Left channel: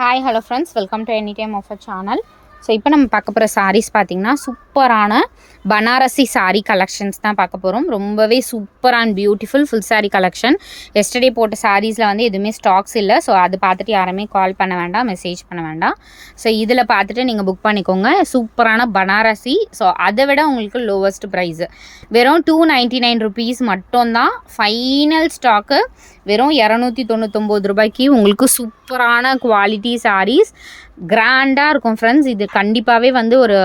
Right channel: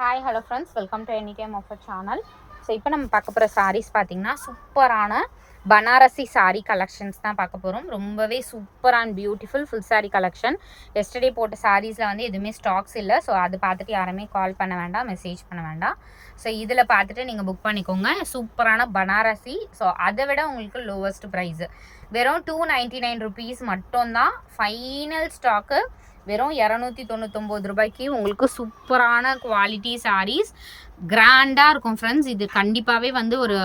Hi hello friends, welcome to any time of a channel. So இப்போ நம்ம பார்க்க போகிற சாரீஸ் பார்த்திங்கன்னா சூப்பரான பனாரசி சாரீ கலெக்ஷன்ஸ் தான் பார்க்க போகிறோம். ரொம்பவே super and beautiful full sari collection. Yesterday போட்ட சாரீஸில் வந்து எதுவுமே ஸ்டாக்ஸ் இல்லை. ஸோ அது பார்த்துட்டு யாருமே கால் பண்ண வேண்டாம், மெசேஜ் பண்ண வேண்டாம். ஸோ இதில் பார்த்துட்டு நீங்கள் புக் பண்ணிக்கோங்க. சூப்பரான பனாரசி. ஸோ அதை விட உங்களுக்கு லோவஸ்ட் ப்ரைஸு வெறும் 299 ருபீஸ் மட்டும்தான். ஃபைனல் ஸ்டாக்கு வெறும் 299 ரூபாய்க்கு உங்களுக்கு சூப்பரான குவாலிட்டி சாரீஸ் கிராண்டாக இருக்கும் ஃப்ரெண்ட்ஸ். இது கண்டிப்பாகவே வந்து ஒரு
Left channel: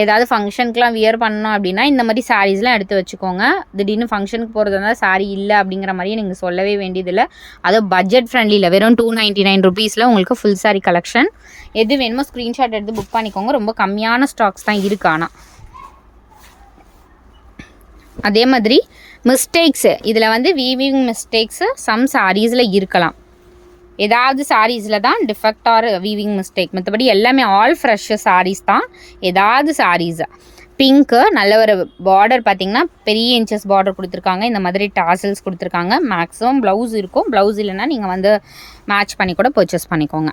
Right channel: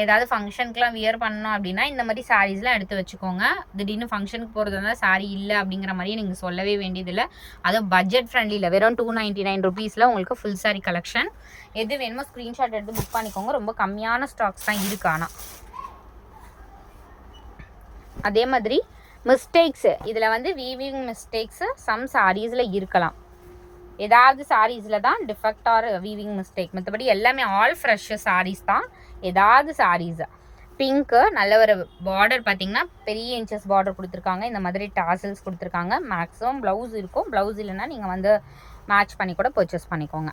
ஏதாவது ஃபங்க்ஷனுக்குலாம் வியர் பண்ணணும் அப்படின்னா இந்த மாதிரி சாரீஸ்லாம் எடுத்து வச்சுக்கோங்க. திடீர்னு ஃபங்க்ஷனுக்கு போகிறது இருந்தால் சாரீ இல்லை அப்படிங்கிற மாதிரியே நீங்கள் சொல்லவே வேண்டியதில்லை. அதுவும் பட்ஜெட் ஃப்ரெண்ட்லியில் வெறும் 299 ருபீஸில் உங்களுக்கு ஃபுல் சாரீ கலெக்ஷன். எது வேணுமோ ஸ்க்ரீன்ஷாட் எடுத்து புக் பண்ணிக்கோங்க. ரொம்ப கம்மியான ஸ்டாக்ஸ் தான் இருக்குது. ஆனால் அதே மாதிரி மிஸ்டேக்ஸு இதில் வந்து வீவிங் மிஸ்டேக்ஸு சம் சாரீஸில் இருக்கலாம். ஏதாவது சாரீஸில் தான் டிஃபெக்ட் ஆர் வீவிங் மிஸ்டேக், மற்றபடி எல்லாமே ஆல் ஃப்ரெஷ் சாரீஸ் தான். ஏதாவது சாரீஸு பிங்க்கு நல்ல ஒரு பார்டர் பார்த்திங்கன்னா பெரிய இன்ச்சஸ் பார்டர் கொடுத்துருக்காங்க. இந்த மாதிரி டாசல்ஸ் கொடுத்துருக்காங்க. மேக்ஸிமம் ப்ளவுஸ் இருக்கும். ப்ளவுஸ் இல்லைன்னா நீங்கள் வந்து மேட்ச் பண்ணி கூட பர்ச்சேஸ் பண்ணிக்கோங்க.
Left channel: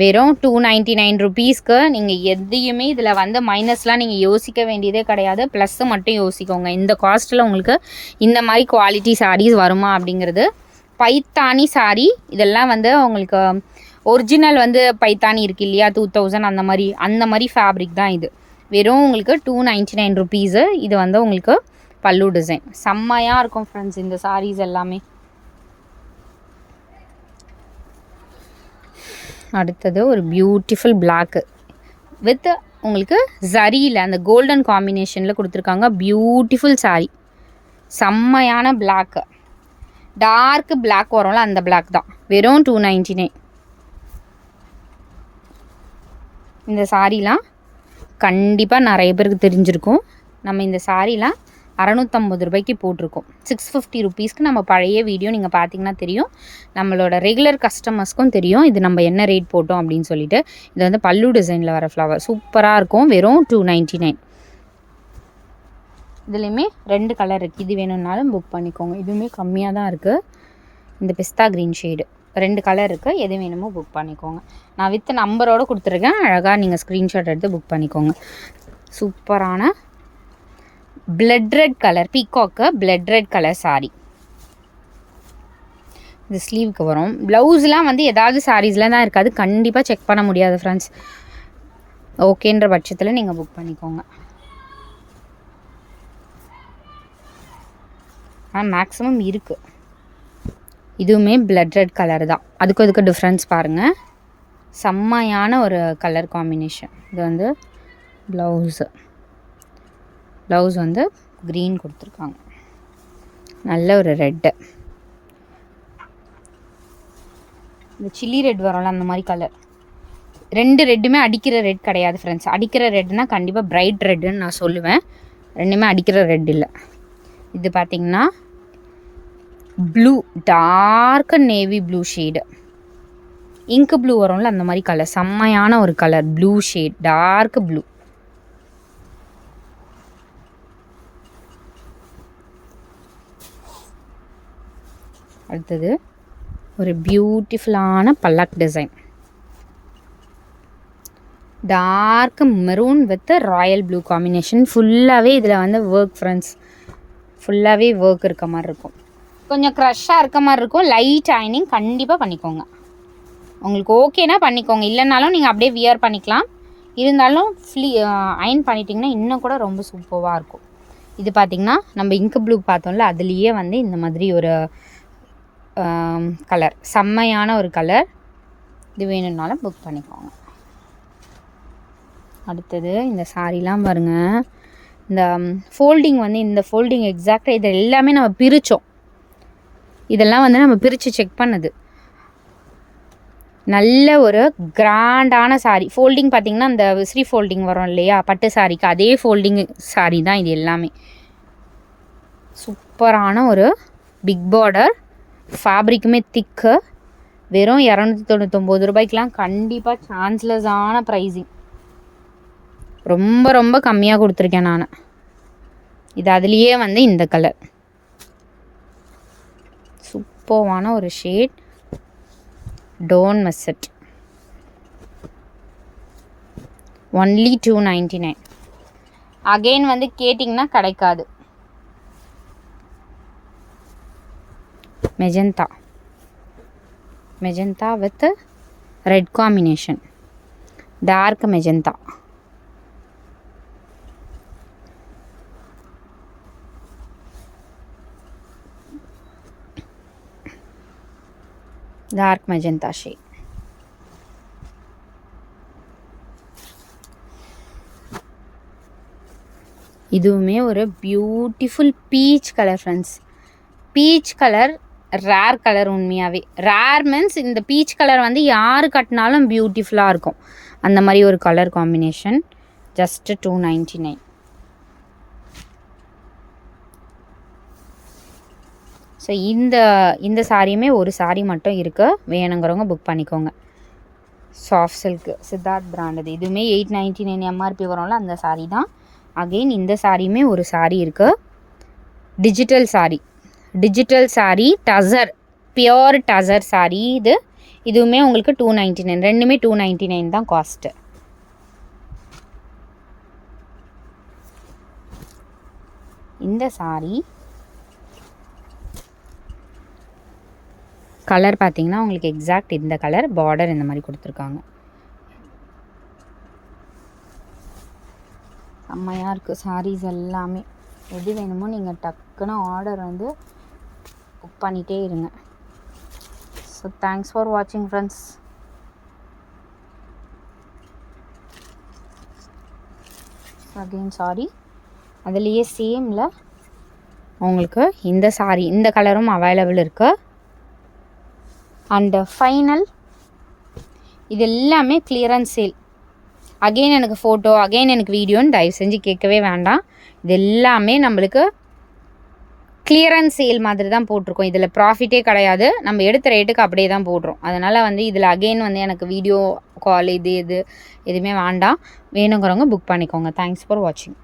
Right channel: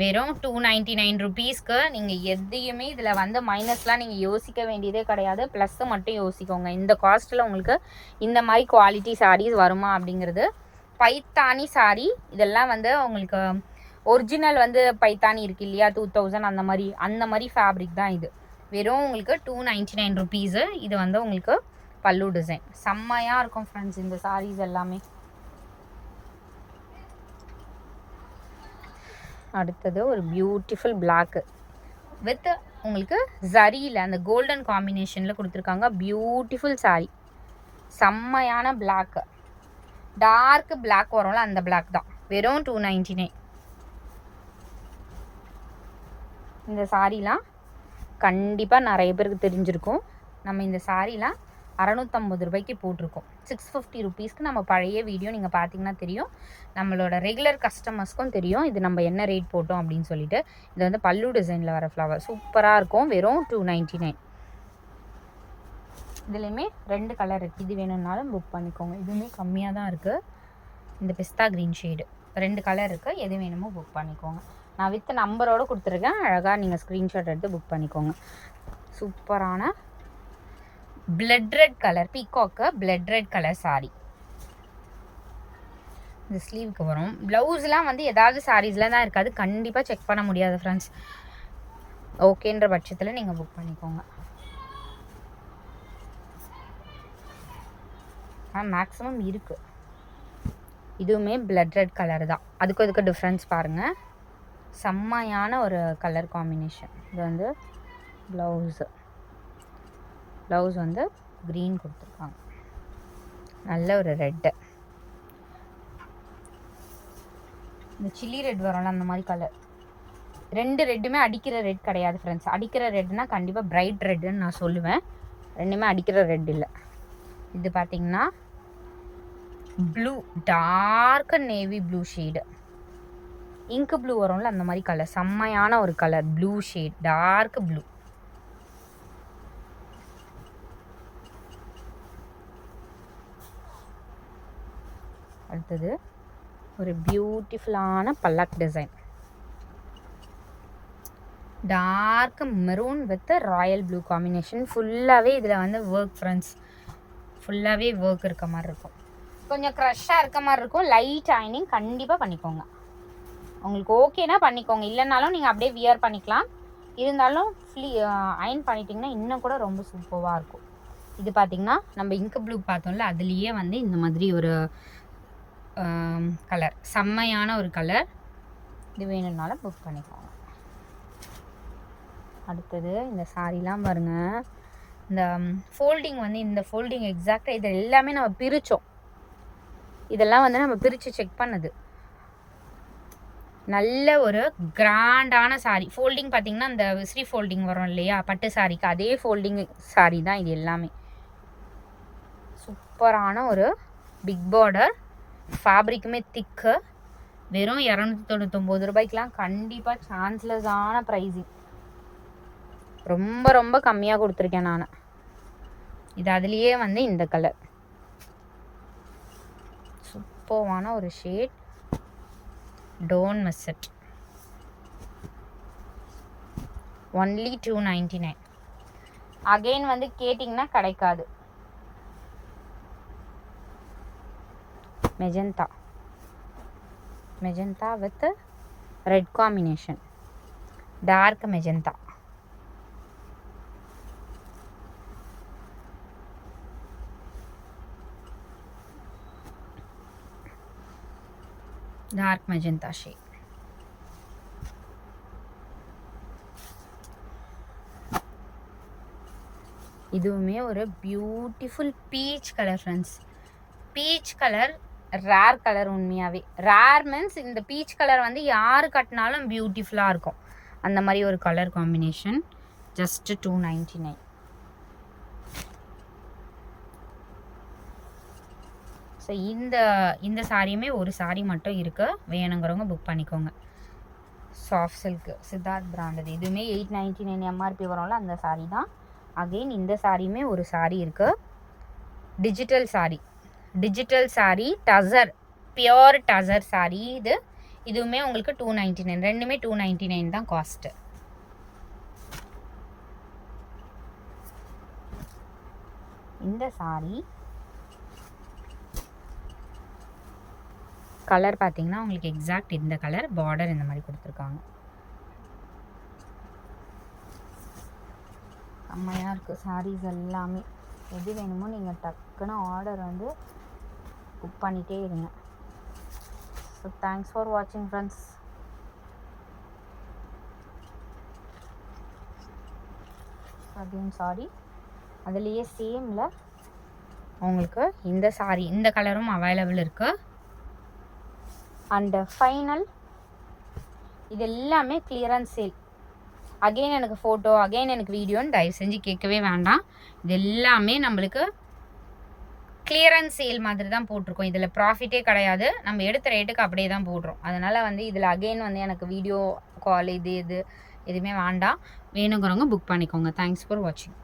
வெறும் 299 ருபீஸ்க்கு நீங்கள் எதையுமே இதில் வந்து மைனஸ்லாம் நீங்கள் யோசிக்க வேண்டியதே கிடையாது. ப்ளஸ்ஸு மட்டும் யோசிக்கோங்க. இந்த காஸ்ட்டில் உங்களுக்கு இந்த மாதிரி குவாலிட்டி சாரீஸ் வருமா அப்படிங்கிறது. பைத்தானி சாரீ இதெல்லாம் வந்து உங்களுக்கு ஒரிஜினல் வந்து பைத்தானி இருக்குது இல்லையா, 2000 அந்த மாதிரி ஃபேப்ரிக் தான் இது. வெறும் உங்களுக்கு 299 ருபீஸு. இது வந்து உங்களுக்கு பல்லு டிசைன் செம்மையாக இருக்கும் ஃப்ரெண்ட்ஸ். இந்த சாரீஸ் எல்லாமே அடுத்தது ஒரு பியூட்டிஃபுல் பிளாக்கு வித் உங்களுக்கு ஜரியில் அந்த கோல்டன் காம்பினேஷனில் கொடுத்துருக்காங்க. பியூட்டிஃபுல் சாரீ, செம்மையான பிளாக்கு, டார்க் பிளாக் வரும்ல அந்த பிளாக் தான். வெறும் 299. இந்த சாரீலாம் கண்டிப்பாக நிறைய பேருக்கு தெரிஞ்சிருக்கும். நம்ம இந்த சாரீலாம் 650 ரூபாய்க்கு போட்டிருக்கோம். 650 ருபீஸ்க்கு நம்ம பழைய வீடியோ நீங்கள் பார்த்தீங்கன்னா தெரியும். நம்மளோட ரெகுலர் கஸ்டமர்ஸ்க்கும் தெரியும் இது நம்ம என்ன ரேட் போட்டோம் அப்படின்னு சொல்லிட்டு. இது வந்து பல்லு டிசைனில் வர ஃப்ளவர் சூப்பராக இருக்கும். வெறும் 299. இதுலேயுமே 2 கலர் இருக்குது. இது வேணும்னாலும் புக் பண்ணிக்கோங்க. இதுவுமே கம்மியாக தான் இருக்குது. இந்த பிஸ்தா க்ரீன் ஷேடு 2 கலர் இருக்குது. எது வேணுமோ புக் பண்ணிக்கோங்க. நான் வித் நம்பரோடு கொடுத்துருக்கேன். அழகாக நீங்கள் ஸ்க்ரீன்ஷாட் எடுத்து புக் பண்ணிக்கோங்க. சூப்பரான blood red colour peacock blood red colour sari. இந்த ஸ்லீவுக்கு வரும். ப்ளவுஸ்லாம் வந்து ஏதாவது சாரீஸில் தான் இருக்காது. கண்டிப்பாக செக் பண்ண முடியாது ஃப்ரெண்ட்ஸ். ஓகேன்ற பட்சத்தில் நீங்கள் புக் பண்ணிக்கோங்க. மேக்ஸிமம் இருக்குது. இதுவுமே பிளட் ரெட் கலர் தான். அதுக்கு டிஃப்ரென்ஸ் பாருங்கள். செம்மையான ஒரு கலர் காம்பினேஷன். இது வந்து ப்ளவுஸ் வந்து க்ரீன் கொடுத்துருக்காங்க. நல்ல ஒரு ரெட்டு, இந்த சில்லி ரெட் வரும்ல அந்த மாதிரி கலர். 2 ரெட்டுமே அடிக்கிற ரெட் கிடையாது ஃப்ரெண்ட்ஸ். அடிக்கிற ரெட்னா கண்டிப்பாக பிரைட் ரெட்டுன்னு நான் சொல்லுவேன். ரெண்டுமே அடிக்கிற ரெட் இல்லை. இது பார்த்திங்கன்னா blue, dark navy blue shade, இங்கு ப்ளூ வரும்ல அந்த மாதிரி கலர். செம்மையான ஒரு colour blue shade, dark blue. அடுத்தது ஒரு பியூட்டிஃபுல்லான பல்லக் design, dark maroon with royal blue combination. ஃபுல்லாகவே இதில் வந்து ஒர்க் ஃப்ரெண்ட்ஸ். ஃபுல்லாகவே ஒர்க் இருக்க மாதிரி இருக்கும். கொஞ்சம் க்ரஷ்ஷாக இருக்க மாதிரி இருக்கும். லைட் அயனிங் கண்டிப்பாக பண்ணிக்கோங்க. உங்களுக்கு ஓகேனா பண்ணிக்கோங்க. இல்லைனாலும் நீங்கள் அப்படியே வியர் பண்ணிக்கலாம். இருந்தாலும் அயன் பண்ணிட்டிங்கன்னா இன்னும் கூட ரொம்ப சூப்பராக இருக்கும். இது பார்த்திங்கன்னா நம்ம இங்கு ப்ளூ பார்த்தோம்ல, அதுலேயே வந்து இந்த மாதிரி ஒரு கலர், செம்மையான ஒரு கலர். இது வேணும்னாலும் புக் பண்ணிக்கோங்க. அடுத்தது இந்த சாரீலாம் பாருங்கள். இந்த ஃபோல்டிங் வந்து இந்த ஃபோல்டிங் எக்ஸாக்டாக இது எல்லாமே நம்ம பிரித்தோம். இதெல்லாம் வந்து நம்ம பிரித்து செக் பண்ணது. நல்ல ஒரு கிராண்டான சாரீ. ஃபோல்டிங் பார்த்திங்கன்னா இந்த விசிறி ஃபோல்டிங் வரும் இல்லையா பட்டு சாரீக்கு, அதே ஃபோல்டிங் சாரீ தான் இது எல்லாமே. சூப்பரான ஒரு பிக் பார்டர், ஃபேப்ரிக்குமே திக்கு. வெறும் 299 ரூபாய்க்கெலாம் கண்டிப்பாக சான்ஸ்லெஸ்ஸான ப்ரைஸிங். ரொம்ப ரொம்ப கம்மியாக கொடுத்துருக்கேன் நான். இது அதுலேயே வந்து இந்த கலர் சூப்பரான ஒரு ஷேட், டோன் மெஸ்ஸட். ஒன்லி 299. அகெயின் வந்து கேட்டிங்கன்னா கிடைக்காது. Magenta with red combination, dark magenta. Dark magenta shade. இதுவுமே ஒரு beautiful peach colour friends. Peach colour rare colour. உண்மையாகவே ரேர் மீன்ஸ் இந்த பீச் கலர் வந்து யார் கட்டினாலும் பியூட்டிஃபுல்லாக இருக்கும். அந்த மாதிரி ஒரு கலர் காம்பினேஷன். ஜஸ்ட்டு 299. ஸோ இந்த சாரியுமே ஒரு சாரி மட்டும் இருக்குது. வேணுங்கிறவங்க புக் பண்ணிக்கோங்க. சாஃப்ட் சில்க்கு சித்தார்த் பிராண்டது. இதுவுமே 899 எம்ஆர்பி வரும்ல, அந்த சாரீ தான். அகெயின் இந்த சாரியுமே ஒரு சாரீ இருக்குது. டிஜிட்டல் சாரீ டசர், பியோர் டசர் சாரீ இது. இதுவுமே உங்களுக்கு 299. ரெண்டுமே 299 தான் காஸ்ட்டு. இந்த சாரீ கலர் பார்த்தீங்கன்னா உங்களுக்கு எக்ஸாக்ட் இந்த கலர், பார்டர் இந்த மாதிரி கொடுத்துருக்காங்க. செம்மையாக இருக்குது சாரீஸ் எல்லாமே. எது வேணுமோ நீங்கள் டக்குன்னு ஆர்டர் வந்து புக் பண்ணிகிட்டே இருங்க. ஸோ தேங்க்ஸ் ஃபார் வாட்சிங் ஃப்ரெண்ட்ஸ். அகெயின் சாரி, அதுலேயே சேமில் உங்களுக்கு இந்த சாரீ இந்த கலரும் அவைலபிள் இருக்குது. அண்டு ஃபைனல் இது எல்லாமே கிளியரன்ஸ் சேல். அகெயின் எனக்கு ஃபோட்டோ, அகெயின் எனக்கு வீடியோன்னு தயவு செஞ்சு கேட்கவே வேண்டாம். இது எல்லாமே நம்மளுக்கு கிளியரன்ஸ் சேல் மாதிரி தான் போட்டிருக்கோம். இதில் ப்ராஃபிட்டே கிடையாது. நம்ம எடுத்த ரேட்டுக்கு அப்படியே தான் போடுறோம். அதனால் வந்து இதில் அகெயின் வந்து எனக்கு வீடியோ கால் எதுவுமே வேண்டாம். வேணுங்கிறவங்க புக் பண்ணிக்கோங்க. தேங்க்ஸ் ஃபார் வாட்சிங்.